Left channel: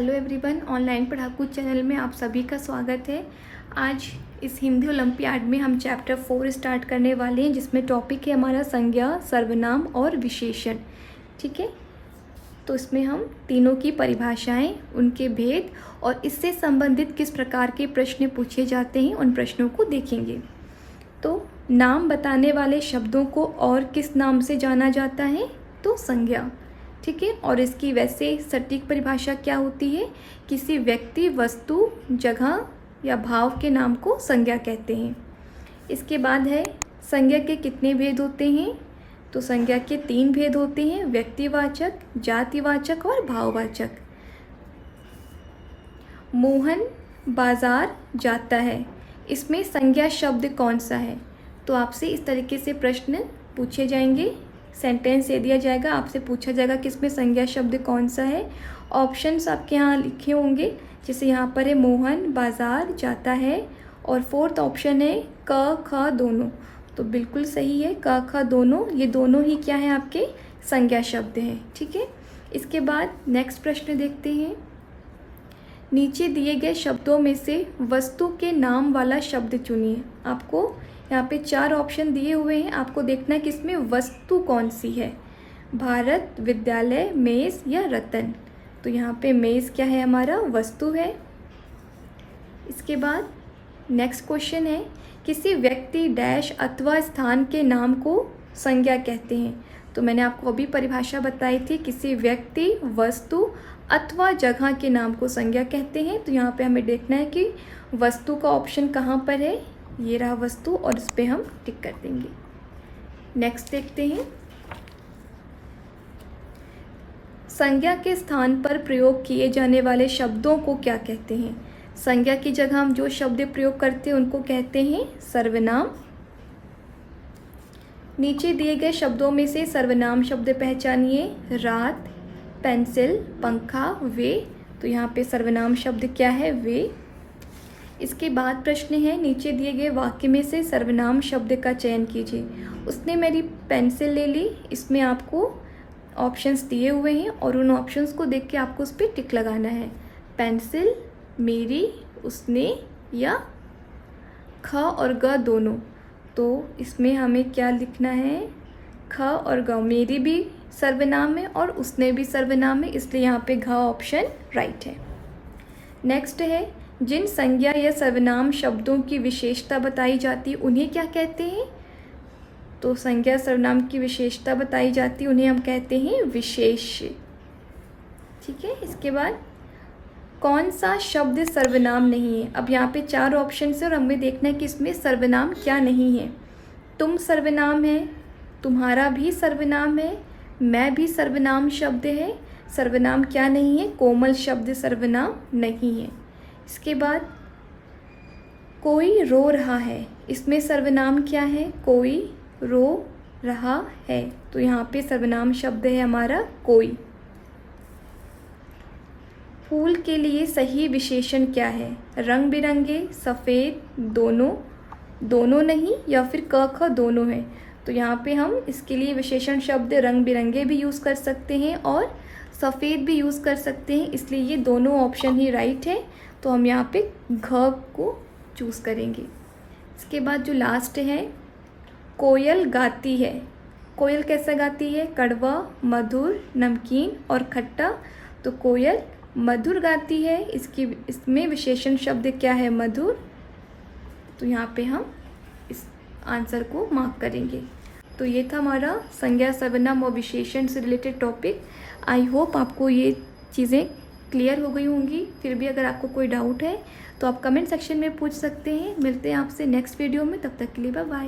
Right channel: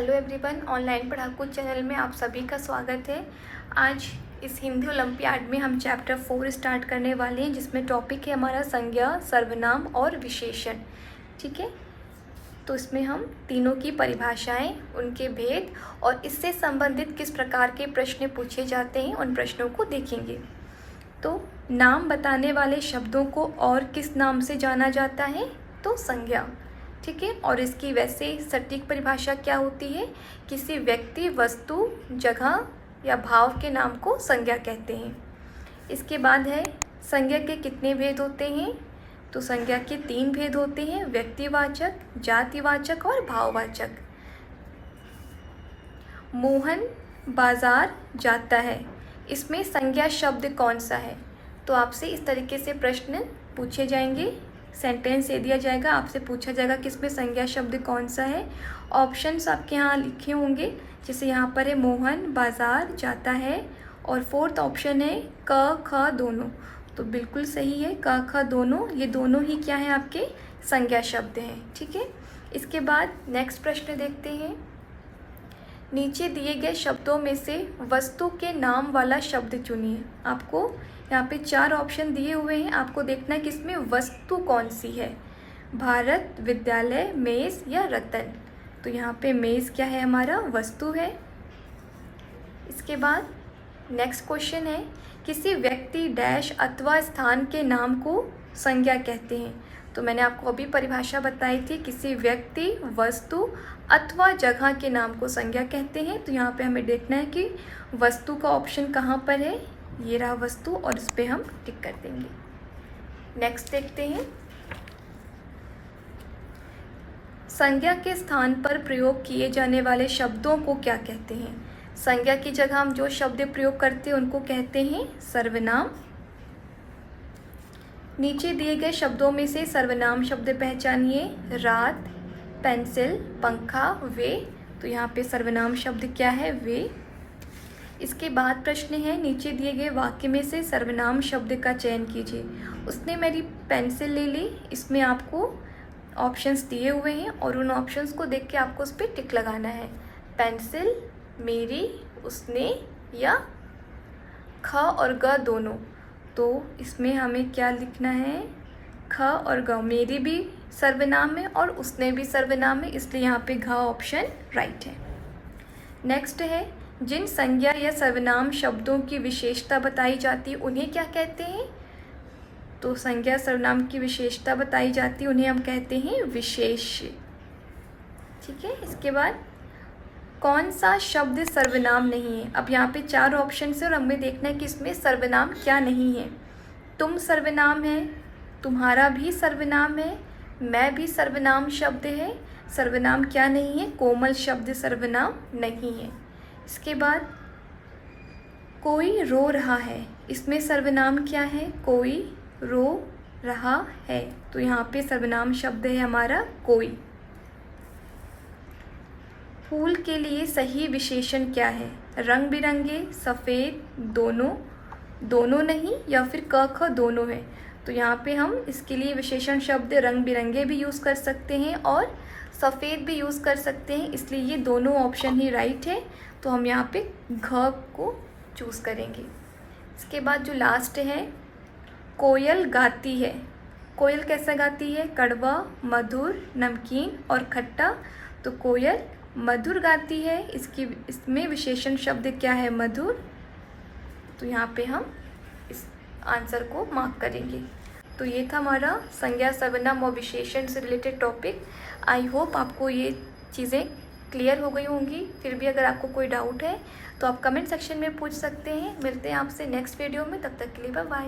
Hello everyone, online पढ़ाकू channel में आप सभी का स्वागत है। आज इस हिंदी ओलंपियाड में हम चैप्टर 4 स्टार्ट करने वाले हैं, जिसमें टॉपिक है हमारा संज्ञा, सर्वनाम और विशेषण। ठीक है, तो इसमें हम तीनों की परिभाषाएं, उनके भेद और इससे संबंधित किस प्रकार के प्रश्न पूछे जाते हैं, उन प्रश्नों को देखेंगे। तो नाम बताने वाले शब्दों को और किस नाम से जाना जाता है? तो संज्ञा। ठीक है, और इसकी वैसे सटीक परिभाषा क्या होती है? किसी व्यक्ति, वस्तु, जगह या भाव के नाम को संज्ञा कहते हैं। इसके बाद है संज्ञा के कितने भेद होते हैं? तो संज्ञा के 3 भेद होते हैं, व्यक्तिवाचक, जातिवाचक और भाववाचक। मोहन बाजार जाता है, इसमें संज्ञा शब्द कौन सा है? तो आपसे इस तरीके से प्रश्न पूछे जाएंगे, सेंटेंस दे दिया जाएगा, आपसे पूछा जाएगा कि इसमें संज्ञा शब्द कौन सा है। ऑप्शंस आपके यहाँ लिखे होंगे, जैसे यहाँ पर है मोहन बाजार जाता है, और 4th ऑप्शन है क ख दोनों। तो बिल्कुल सही है, क ख दोनों, ये दोनों ही क्या है? आपके संज्ञा शब्द है। ठीक है, इसके बाद नेक्स्ट प्रश्न देखते हैं। नीचे दिए गए शब्दों में से वस्तु के नाम वाला शब्द चुनिए। आपको यहाँ पे 4 ऑप्शन दिए हुए हैं, आपको देखना है कि इसमें वस्तु कौन सी है। भारत, विद्यालय, मेज या रतन। तो यहाँ पे मेज क्या है? हमारा वस्तु है। इसके बाद नेक्स्ट क्वेश्चन है, किसी व्यक्ति, डैश अथवा स्थान के नाम को संज्ञा कहते हैं। तो मैंने आपको अभी परिभाषा बताई थी, किसी व्यक्ति, वस्तु अथवा जगह के नाम को संज्ञा कहते हैं। तो यहाँ पे हमें देखना है कि वस्तु का ऑप्शन कहाँ पर है। ये रहा वस्तु, और इस पे हम टिक कर देंगे। नेक्स्ट देखते हैं, संज्ञा के स्थान पर प्रयोग किए जाने वाले शब्दों को क्या कहते हैं? संज्ञा की जगह हम जो शब्द प्रयोग करते हैं उनको कहते हैं सर्वनाम। नीचे दिए गए शब्दों में से सर्वनाम शब्द पहचानिए। रात, पेंसिल, पंखा, वे। तो यहाँ पे सर्वनाम शब्द क्या है? वे। इसके बाद प्रश्न है, नीचे दिए गए वाक्य में से सर्वनाम शब्द का चयन कीजिए। उसने मेरी पेंसिल ले ली, इसमें आपको ऑप्शंस दिए हुए हैं और उन ऑप्शंस को देख के आपको उस पर टिक लगाना है। पेंसिल, मेरी, उसने या ख और ग दोनों। तो इसमें हमें क्या लिखना है? ख और ग। मेरी भी सर्वनाम है और उसने भी सर्वनाम है, इसलिए यहाँ पे घ ऑप्शन राइट है। नेक्स्ट है, जिन संज्ञा या सर्वनाम शब्दों की विशेषता बताई जाती है उन्हें क्या कहते हैं? तो संज्ञा सर्वनाम की विशेषता बताई जाती है, उन्हें हम कहते हैं विशेष्य। ठीक है, इसके बाद कौन सा शब्द सर्वनाम नहीं है? अब यहाँ पे 4 ऑप्शन है और हमें देखना है कि इसमें सर्वनाम क्या नहीं है। तुम सर्वनाम है, तुम्हारा भी सर्वनाम है, मैं भी सर्वनाम शब्द है। सर्वनाम क्या नहीं है? कोमल शब्द सर्वनाम नहीं है। इसके बाद कोई रो रहा है, इसमें सर्वनाम क्या है? कोई रो रहा है। तो यहाँ पे सर्वनाम शब्द है हमारा कोई। फूल के लिए सही विशेषण क्या है? रंग बिरंगे, सफ़ेद, दोनों, दोनों नहीं, या फिर क ख दोनों है। तो यहाँ पे हम इसके लिए विशेषण शब्द रंग बिरंगे भी यूज़ कर सकते हैं और सफ़ेद भी यूज़ कर सकते हैं, इसलिए ये दोनों ऑप्शन ही राइट है। तो हम यहाँ पे घ को चूज़ करेंगे। इसके बाद जो लास्ट है, कोयल गाती है। कोयल कैसा गाती है? कड़वा, मधुर, नमकीन और खट्टा। तो कोयल मधुर गाती है, इसमें विशेषण शब्द क्या है? मधुर। तो यहाँ पे हम इस आंसर को मार्क करेंगे। तो ये था हमारा संज्ञा, सर्वनाम और विशेषण से रिलेटेड टॉपिक। आई होप आपको ये चीज़ें क्लियर हो गई होंगी। फिर भी अगर आपको कोई डाउट है तो आप कमेंट सेक्शन में पूछ सकते हैं। मिलते हैं आपसे नेक्स्ट वीडियो में, तब तक के लिए बाय बाय।